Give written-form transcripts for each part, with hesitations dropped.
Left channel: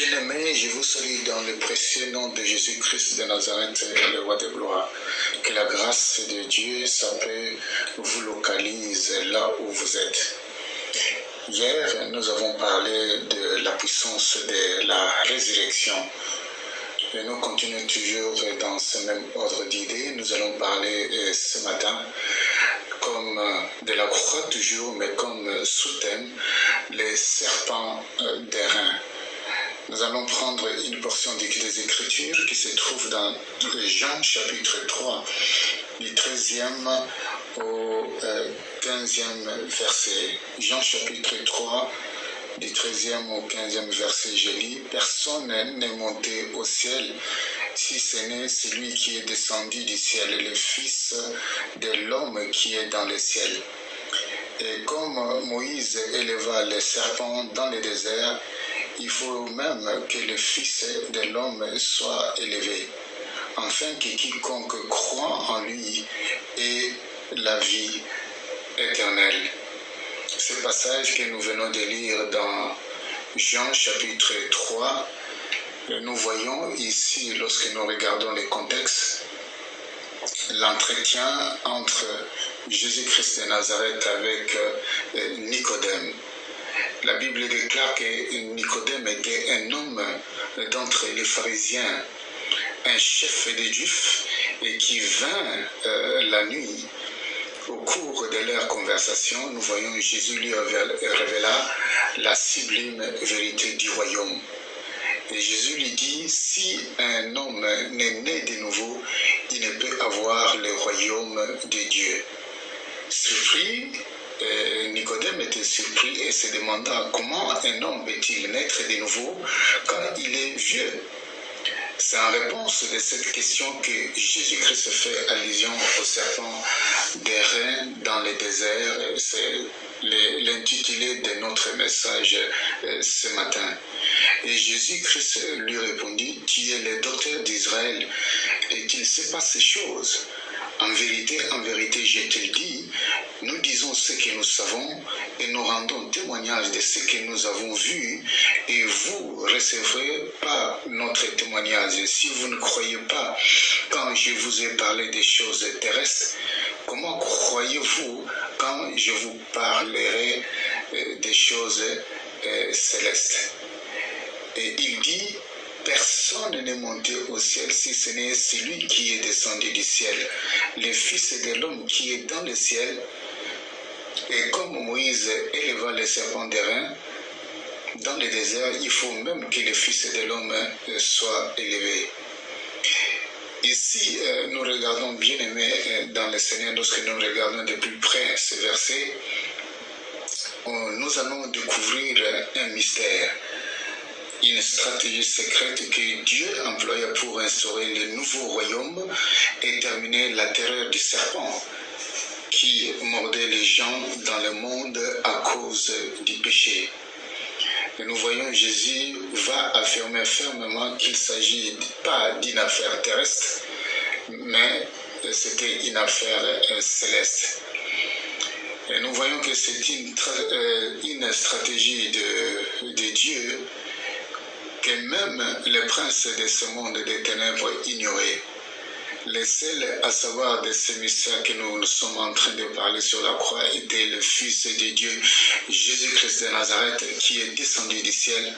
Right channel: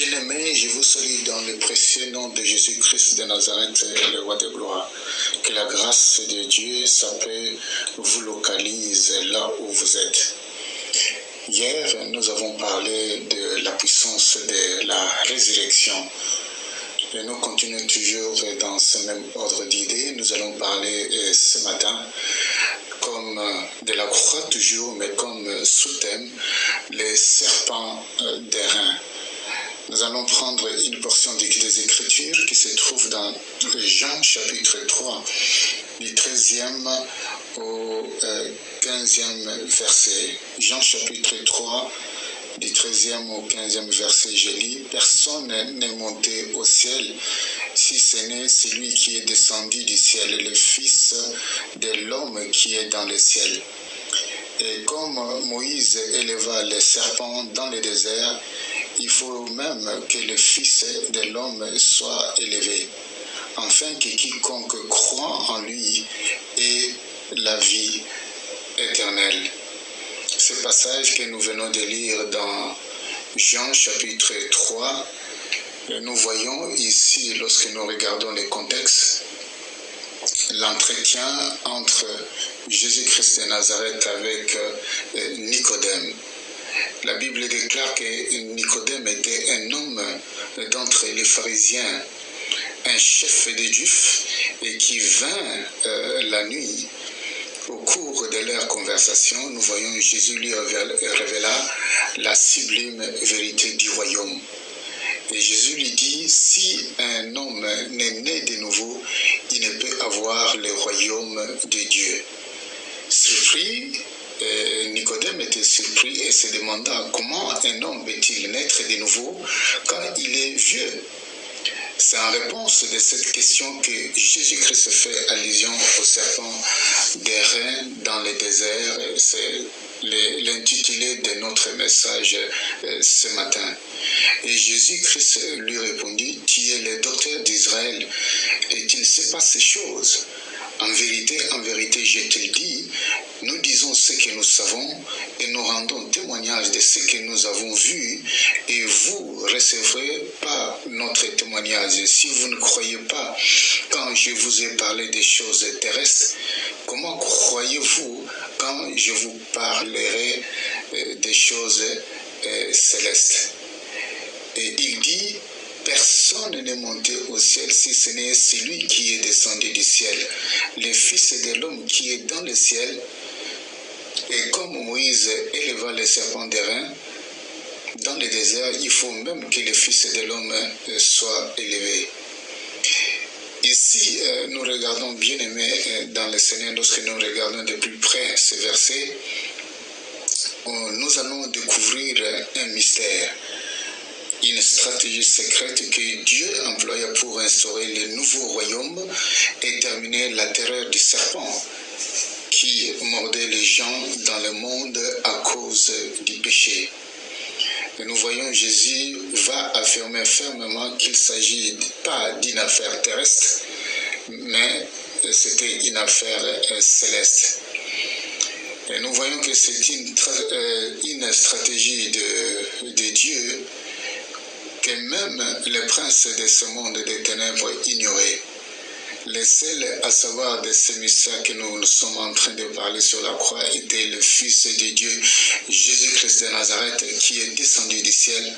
Bien-aimés, je vous salue dans le précieux nom de Jésus-Christ de Nazareth, le roi de gloire. Que la grâce de Dieu, sa paix, vous localise là où vous êtes. Hier, nous avons parlé de la puissance de la résurrection. Et nous continuons toujours dans ce même ordre d'idées. Nous allons parler ce matin comme de la croix toujours, mais comme sous-thème, les serpents d'airain. Nous allons prendre une portion des Écritures qui se trouve dans Jean chapitre 3, du 13e au 15e verset. Jean chapitre 3, du 13e au 15e verset, je lis: « Personne n'est monté au ciel, si ce n'est celui qui est descendu du ciel, le Fils de l'homme qui est dans le ciel. Et comme Moïse éleva les serpents dans le désert, il faut même que le Fils de l'homme soit élevé, afin que quiconque croit en lui ait la vie éternelle. » Ce passage que nous venons de lire dans Jean chapitre 3, nous voyons ici, lorsque nous regardons le contexte, l'entretien entre Jésus-Christ de Nazareth avec Nicodème. La Bible déclare que Nicodème était un homme d'entre les pharisiens, un chef des Juifs, et qui vint la nuit. Au cours de leur conversation, nous voyons Jésus lui révéla la sublime vérité du royaume. Et Jésus lui dit, si un homme n'est né de nouveau, il ne peut avoir le royaume de Dieu. Surpris, Nicodème était surpris et se demanda comment un homme peut-il naître de nouveau quand il est vieux. C'est en réponse de cette question que Jésus-Christ fait allusion au serpent d'airain dans le désert. C'est l'intitulé de notre message ce matin. Et Jésus-Christ lui répondit, « Tu es le docteur d'Israël et tu ne sais pas ces choses. En vérité, je te le dis, nous disons ce que nous savons et nous rendons témoignage de ce que nous avons vu et vous ne recevrez pas notre témoignage. Si vous ne croyez pas quand je vous ai parlé des choses terrestres, comment croyez-vous quand je vous parlerai des choses célestes ?» Et il dit, personne n'est monté au ciel si ce n'est celui qui est descendu du ciel, le Fils de l'homme qui est dans le ciel. Et comme Moïse éleva les serpents d'airain dans le désert, il faut même que le Fils de l'homme soit élevé. Ici, nous regardons, bien aimés dans le Seigneur, lorsque nous regardons de plus près ce verset, nous allons découvrir un mystère. Une stratégie secrète que Dieu employa pour instaurer le nouveau royaume et terminer la terreur du serpent qui mordait les gens dans le monde à cause du péché. Et nous voyons Jésus va affirmer fermement qu'il ne s'agit pas d'une affaire terrestre, mais c'était une affaire céleste. Et nous voyons que c'est une stratégie de Dieu que même les princes de ce monde des ténèbres ignoraient. Les seuls à savoir de ce mystère que nous sommes en train de parler sur la croix était le Fils de Dieu, Jésus-Christ de Nazareth, qui est descendu du ciel.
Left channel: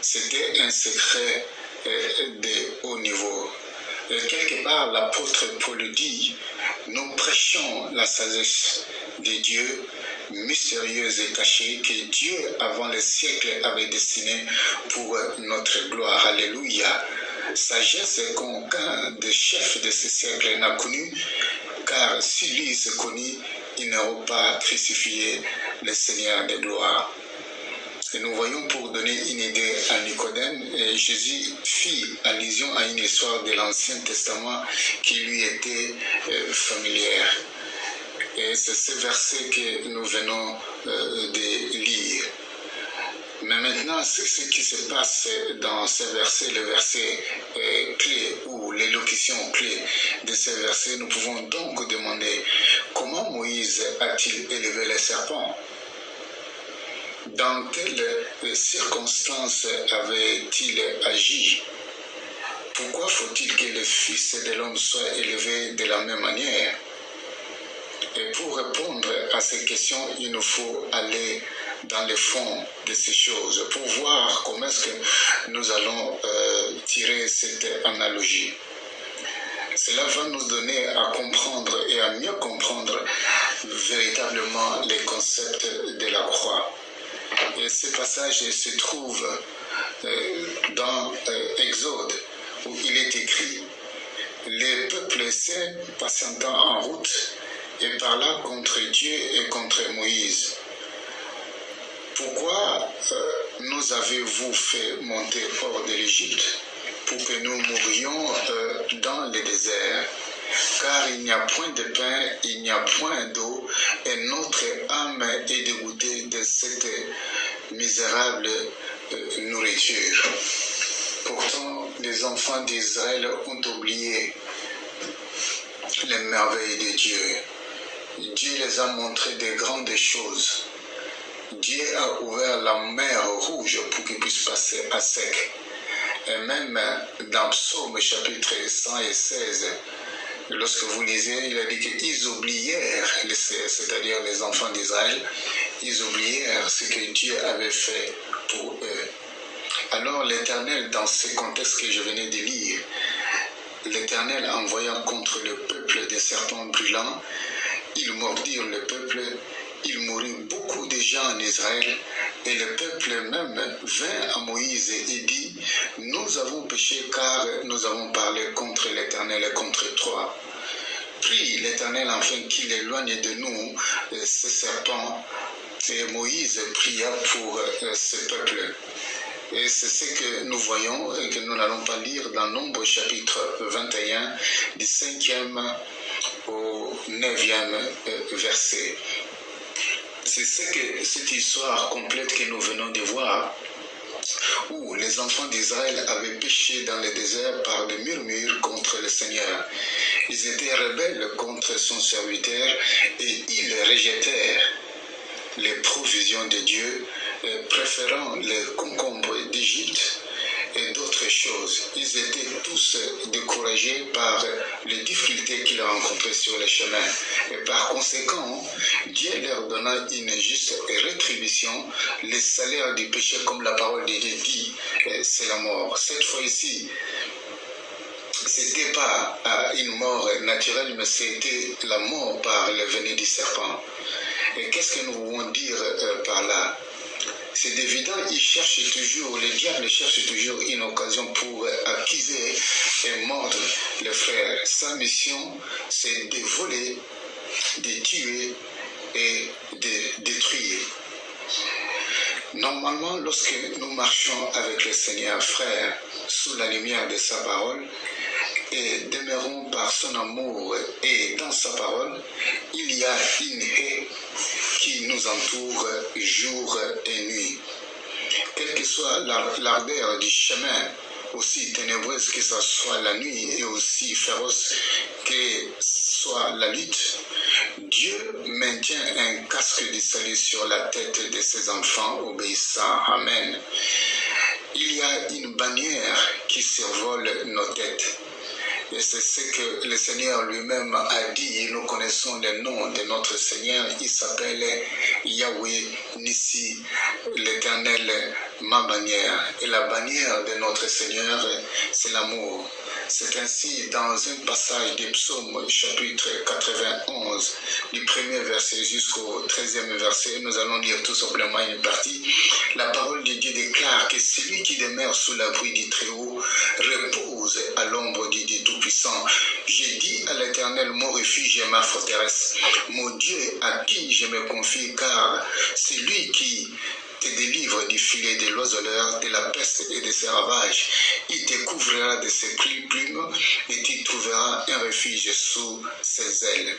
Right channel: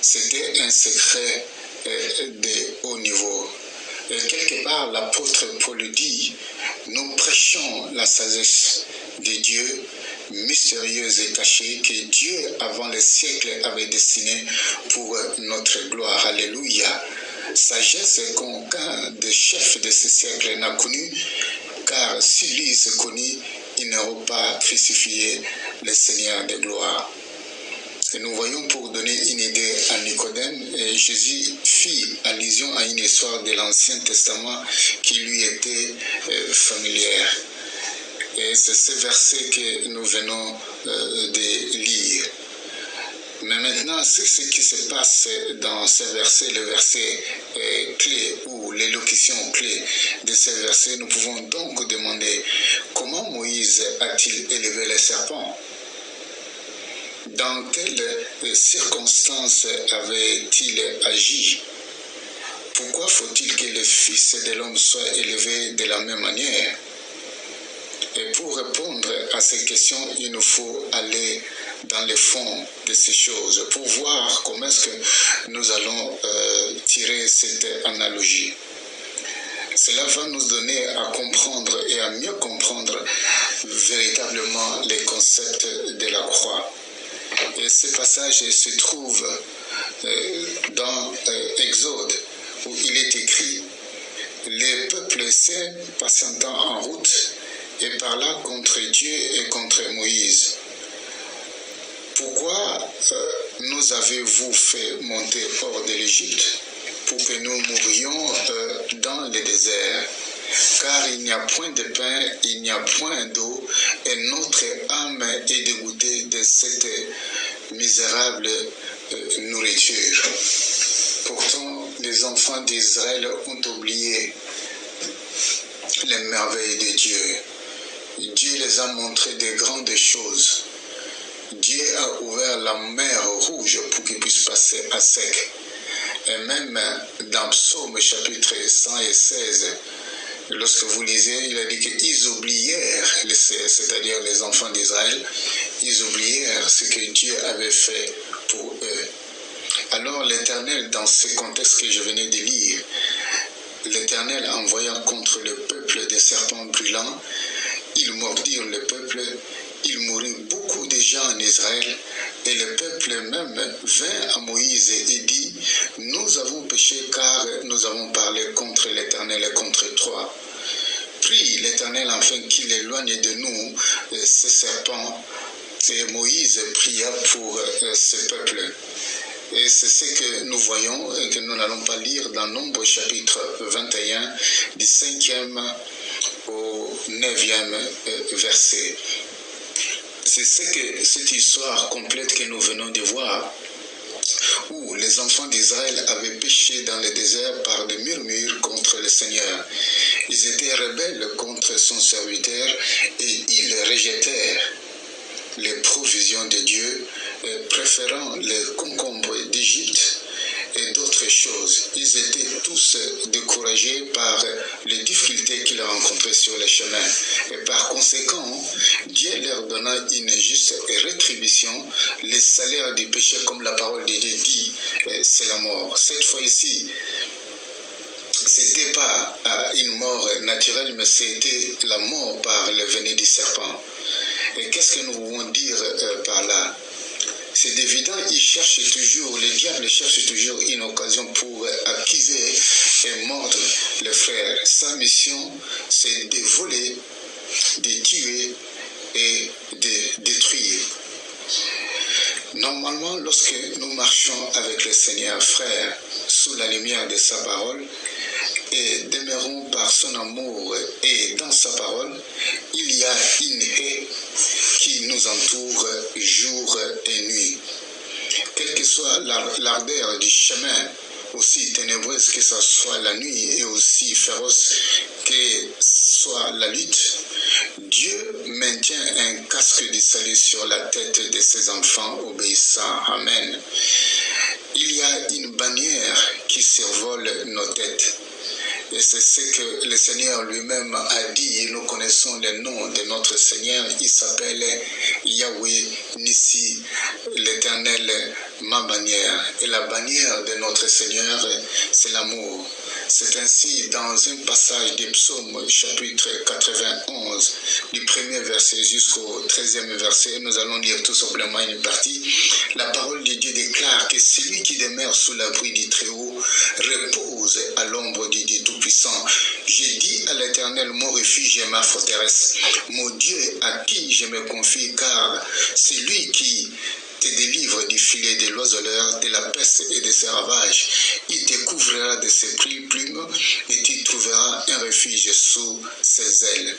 C'était un secret de haut niveau. Et quelque part, l'apôtre Paul dit, nous prêchons la sagesse de Dieu, mystérieuse et cachée, que Dieu, avant les siècles, avait destinée pour notre gloire. Alléluia. Sagesse qu'aucun des chefs de ce siècle n'a connue, car s'ils l'eussent connue, ils n'auraient pas crucifié le Seigneur de gloire. Et nous voyons, pour donner une idée à Nicodème, Jésus fit allusion à une histoire de l'Ancien Testament qui lui était familière. Et c'est ce verset que nous venons de lire. Mais maintenant, c'est ce qui se passe dans ce verset, le verset clé ou l'élocution clé de ce verset. Nous pouvons donc demander comment Moïse a-t-il élevé les serpents? dans quelles circonstances avait-il agi? Pourquoi faut-il que le Fils de l'homme soit élevé de la même manière? Et pour répondre à ces questions, il nous faut aller dans le fond de ces choses pour voir comment est-ce que nous allons tirer cette analogie. Cela va nous donner à comprendre et à mieux comprendre véritablement les concepts de la croix. Et ce passage se trouve dans Exode, où il est écrit « Les peuples saints patientant en route et parla contre Dieu et contre Moïse. Pourquoi nous avez-vous fait monter hors de l'Égypte pour que nous mourions dans le désert? Car il n'y a point de pain, il n'y a point d'eau, et notre âme est dégoûtée de cette misérable nourriture. » Pourtant, les enfants d'Israël ont oublié les merveilles de Dieu. Dieu les a montré de grandes choses. Dieu a ouvert la mer rouge pour qu'ils puissent passer à sec. Et même dans Psaume chapitre 116, lorsque vous lisez, il a dit qu'ils oublièrent, c'est-à-dire les enfants d'Israël, ils oublièrent ce que Dieu avait fait pour eux. Alors l'Éternel, dans ce contexte que je venais de lire, l'Éternel envoyant contre le peuple des serpents brûlants, ils mordirent le peuple, il mourut beaucoup de gens en Israël, et le peuple même vint à Moïse et dit, « Nous avons péché car nous avons parlé contre l'Éternel et contre toi. » Prie l'Éternel afin qu'il éloigne de nous ces serpents. Et Moïse pria pour ce peuple. Et c'est ce que nous voyons et que nous n'allons pas lire dans Nombre chapitre 21, du 5e au 9e verset. C'est cette histoire complète que nous venons de voir, où les enfants d'Israël avaient péché dans le désert par des murmures contre le Seigneur. Ils étaient rebelles contre son serviteur et ils rejetèrent les provisions de Dieu, préférant les concombres d'Égypte et d'autres choses. Ils étaient tous découragés par les difficultés qu'ils rencontraient sur le chemin. Et par conséquent, Dieu leur donna une juste rétribution. Le salaire du péché, comme la parole de Dieu dit, c'est la mort. Cette fois-ci, ce n'était pas une mort naturelle, mais c'était la mort par le venin du serpent. Et qu'est-ce que nous voulons dire par là? C'est évident, le diable cherche toujours une occasion pour accuser et mordre les frères. Sa mission, c'est de voler, de tuer et de détruire. Normalement, lorsque nous marchons avec le Seigneur, frère, sous la lumière de sa parole, et demeurons par son amour et dans sa parole, il y a une haie qui nous entoure jour et nuit. Quelle que soit l'ardeur du chemin, aussi ténébreuse que ce soit la nuit et aussi féroce que soit la lutte, Dieu maintient un casque de salut sur la tête de ses enfants obéissants. Amen. Il y a une bannière qui survole nos têtes. Et c'est ce que le Seigneur lui-même a dit, et nous connaissons le nom de notre Seigneur, il s'appelle Yahweh Nissi, l'Éternel, ma bannière. Et la bannière de notre Seigneur, c'est l'amour. C'est ainsi dans un passage des psaumes, chapitre 91, du premier verset jusqu'au 13e verset, nous allons lire tout simplement une partie. La parole de Dieu déclare que celui qui demeure sous l'abri du Très-Haut repose à l'ombre du Dieu Tout-Puissant. J'ai dit à l'Éternel, mon refuge et ma forteresse, mon Dieu à qui je me confie, car c'est lui qui te délivre du filet de l'oiseleur, de la peste et de ses ravages. Il te couvrira de ses plumes et tu trouveras un refuge sous ses ailes.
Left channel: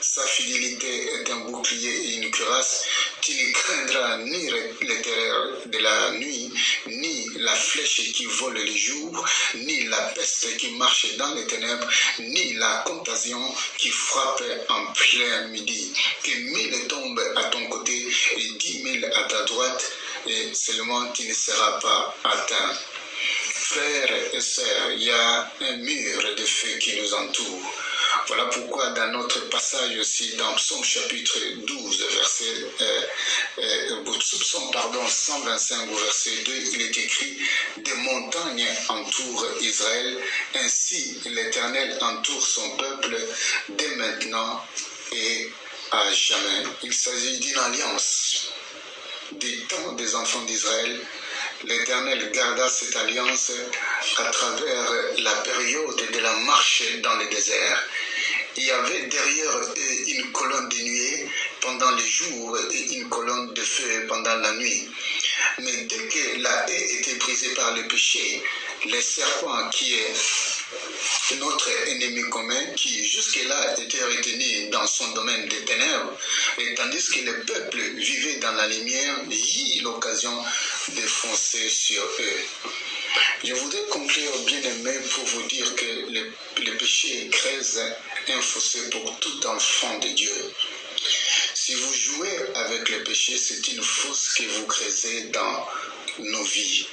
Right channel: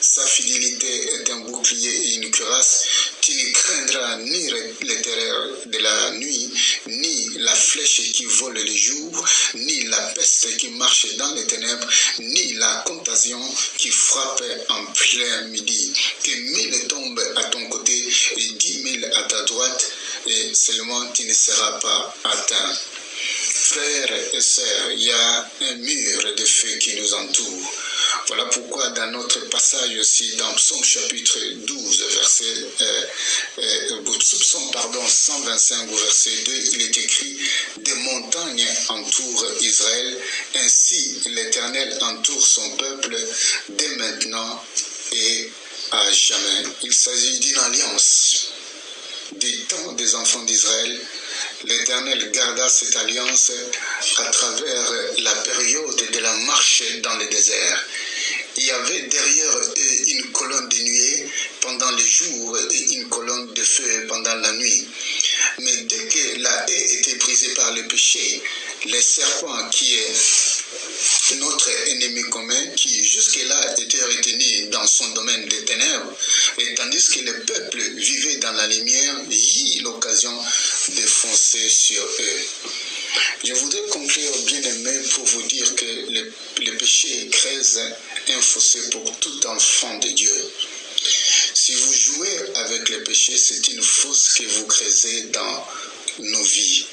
Sa fidélité est un bouclier et une cuirasse. Tu ne craindras ni les terreurs de la nuit, ni la flèche flèche qui vole le jour, ni la peste qui marche dans les ténèbres, ni la contagion qui frappe en plein midi. Que 1000 tombent à ton côté et 10 000 à ta droite, et seulement tu ne seras pas atteint. Frères et sœurs, il y a un mur de feu qui nous entoure. Voilà pourquoi dans notre passage aussi, dans Psaume chapitre 12, Psaume 125 au verset 2, il est écrit « Des montagnes entourent Israël, ainsi l'Éternel entoure son peuple dès maintenant et à jamais. » Il s'agit d'une alliance. Des temps des enfants d'Israël, l'Éternel garda cette alliance à travers la période de la marche dans le désert. Il y avait derrière eux une colonne de nuée pendant les jours et une colonne de feu pendant la nuit. Mais dès que la haie était brisée par le péché, le serpent qui est notre ennemi commun, qui jusque-là était retenu dans son domaine des ténèbres, et tandis que le peuple vivait dans la lumière, il eut l'occasion de foncer sur eux. Je voudrais conclure, bien-aimés, pour vous dire que le péché creuse un fossé pour tout enfant de Dieu. Si vous jouez avec le péché, c'est une fosse que vous creusez dans nos vies.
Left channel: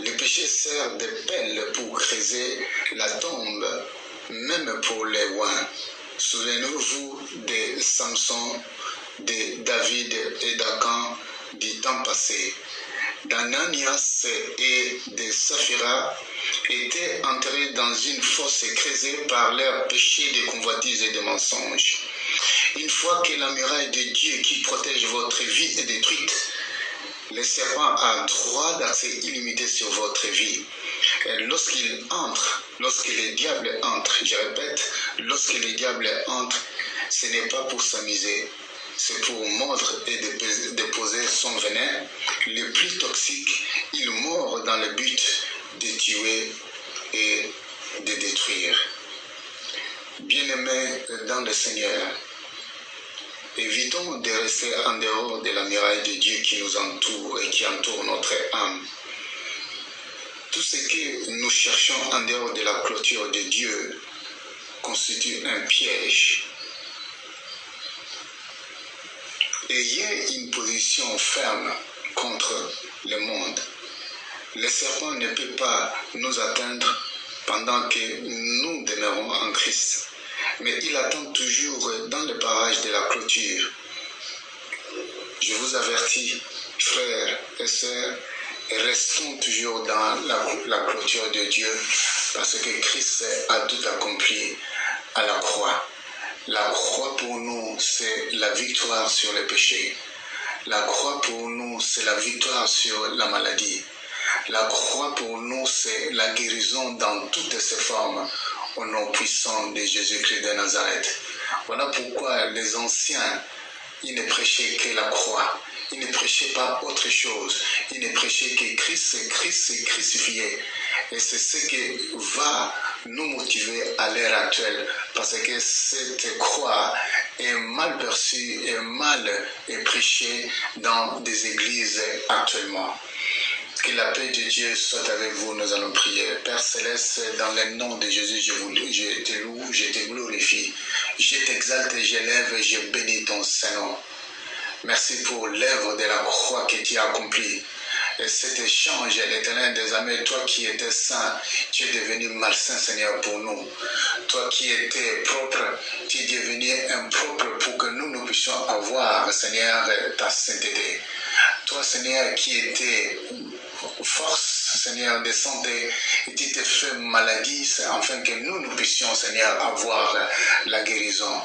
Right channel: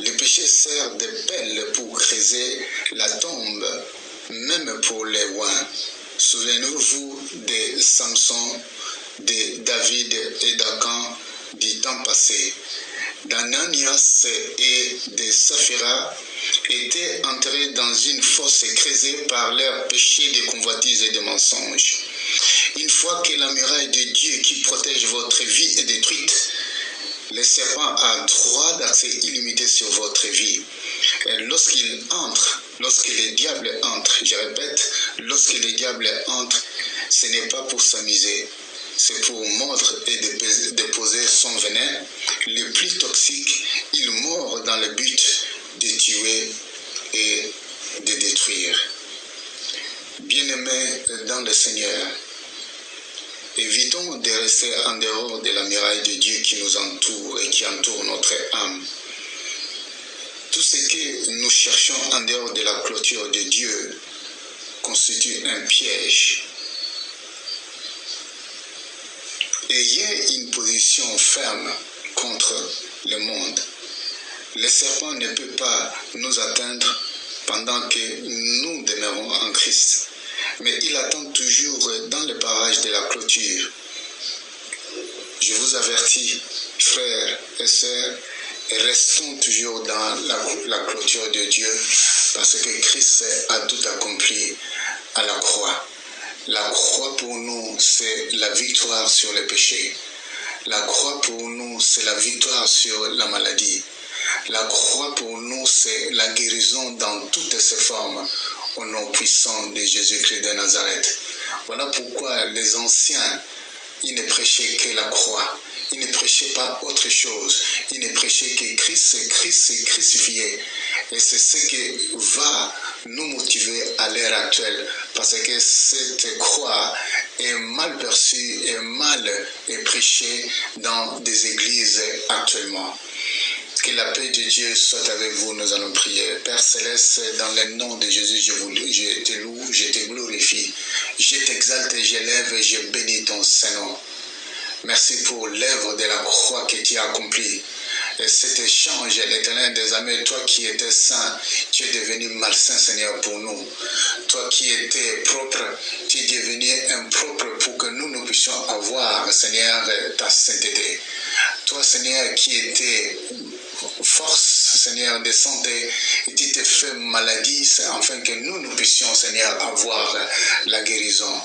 Le péché sert de pelle pour creuser la tombe, même pour les oins. Souvenez-vous de Samson, de David et d'Akan du temps passé. d'Ananias et de Saphira étaient entrés dans une fosse creusée par leurs péchés de convoitise et de mensonges. Une fois que la muraille de Dieu qui protège votre vie est détruite, le serpent a droit d'accès illimité sur votre vie. Et lorsqu'il entre, lorsque le diable entre, je répète, lorsque le diable entre, ce n'est pas pour s'amuser, c'est pour mordre et déposer son venin. Le plus toxique, il mord dans le but de tuer et de détruire. Bien-aimés dans le Seigneur, évitons de rester en dehors de la muraille de Dieu qui nous entoure et qui entoure notre âme. Tout ce que nous cherchons en dehors de la clôture de Dieu constitue un piège. Ayez une position ferme contre le monde. Le serpent ne peut pas nous atteindre pendant que nous demeurons en Christ. Mais il attend toujours dans le barrage de la clôture. Je vous avertis, frères et sœurs, restons toujours dans la clôture de Dieu, parce que Christ a tout accompli à la croix. La croix pour nous, c'est la victoire sur le péché. La croix pour nous, c'est la victoire sur la maladie. La croix pour nous, c'est la guérison dans toutes ses formes, au nom puissant de Jésus-Christ de Nazareth. Voilà pourquoi les anciens, ils ne prêchaient que la croix. Ils ne prêchaient pas autre chose. Ils ne prêchaient que Christ est crucifié. Et c'est ce qui va nous motiver à l'ère actuelle. Parce que cette croix est mal perçue et mal prêchée dans des églises actuellement. Que la paix de Dieu soit avec vous, nous allons prier. Père Céleste, dans le nom de Jésus, je te loue, je te glorifie. Je t'exalte, je lève et je bénis ton Saint-Nom. Merci pour l'œuvre de la croix que tu as accomplie. Et cet échange, l'Éternel des armées, toi qui étais saint, tu es devenu malsain, Seigneur, pour nous. Toi qui étais propre, tu es devenu impropre pour que nous puissions avoir, Seigneur, ta sainteté. Toi, Seigneur, qui étais force, Seigneur, de santé, et tu t'es fait maladie, afin que nous puissions, Seigneur, avoir la guérison.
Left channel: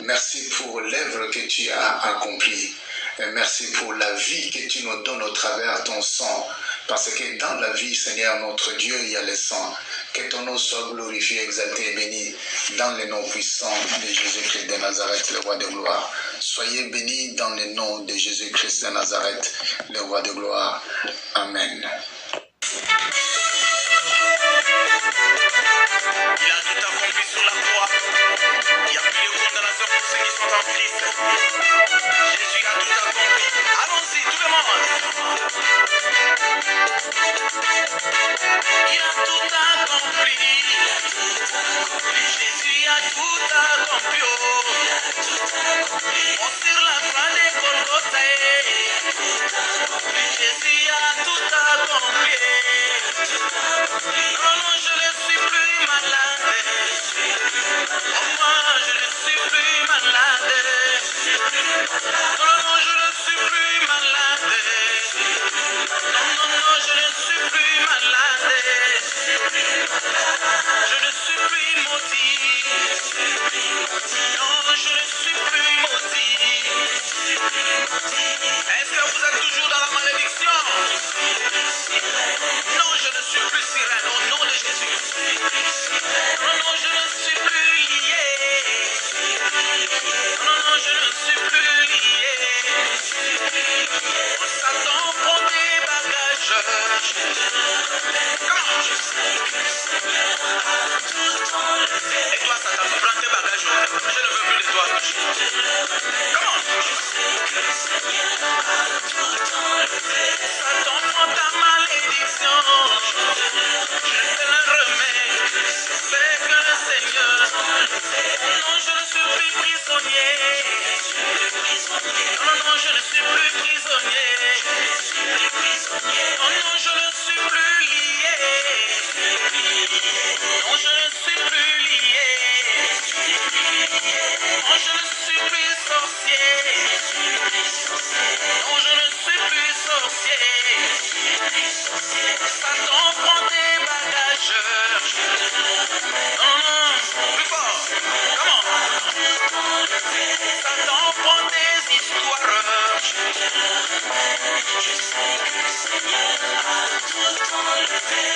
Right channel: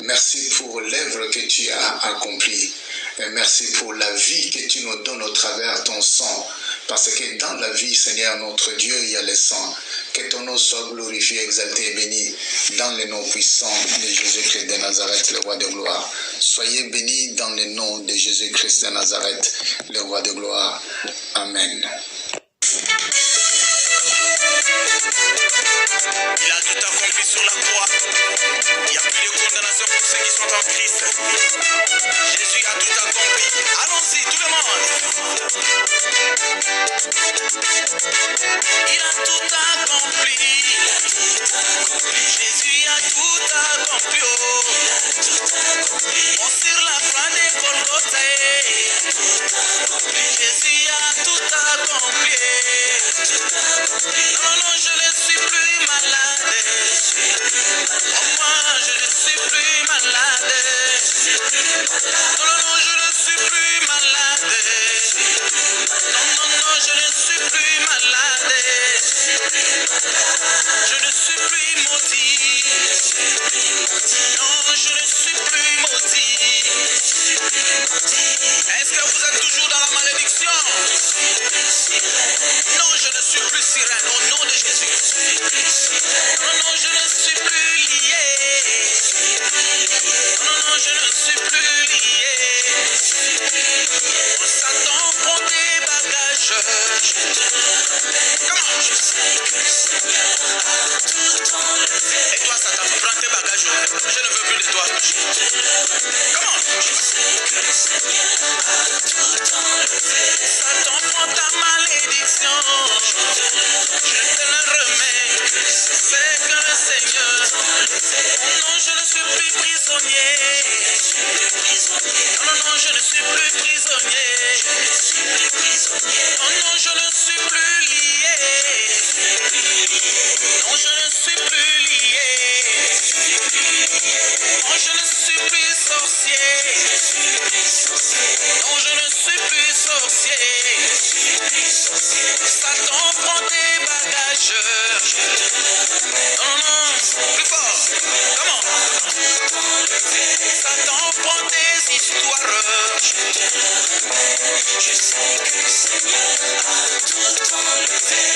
Merci pour l'œuvre que tu as accomplie. Et merci pour la vie que tu nous donnes au travers de ton sang. Parce que dans la vie, Seigneur, notre Dieu, il y a le sang. Que ton nom soit glorifié, exalté et béni dans le nom puissant de Jésus-Christ de Nazareth, le roi de gloire. Soyez bénis dans le nom de Jésus-Christ de Nazareth, le roi de gloire. Amen. Il a tout accompli sur la croix. Il n'y a plus de condamnation pour ceux qui sont en Christ. Jésus a tout accompli. Allons-y, tout le monde. Il a tout accompli. Jésus a tout accompli. Oh, sur la croix des Golgotha, Jésus a tout accompli. Non, non, je ne suis plus malade. Oh, moi, je ne suis plus malade. Non, non, je ne suis plus malade. Non, non, je ne suis plus malade. Je ne suis plus maudit. Non, je ne suis plus maudit. Est-ce que vous êtes toujours dans la malédiction? Non, je ne suis plus sirène au nom de Jésus. Non, non, je ne suis plus lié. Non, non, je ne suis plus lié. Satan prend tes bagages. Comment? Et toi, Satan, prends tes bagages. Je ne veux plus de toi. Comment? Satan prend ta malédiction. Je te le remets. C'est que le Seigneur. Non, je ne suis plus prisonnier. Non, non, je ne suis plus prisonnier. Non, non, je ne suis plus lié. Non, je ne suis plus lié. Non, je ne suis plus sorcier. Non, je ne suis plus sorcier. Satan prend tes bagages. Non, non, plus fort. Comment? Satan prend tes histoires. Je sais que le Seigneur a tout enlevé.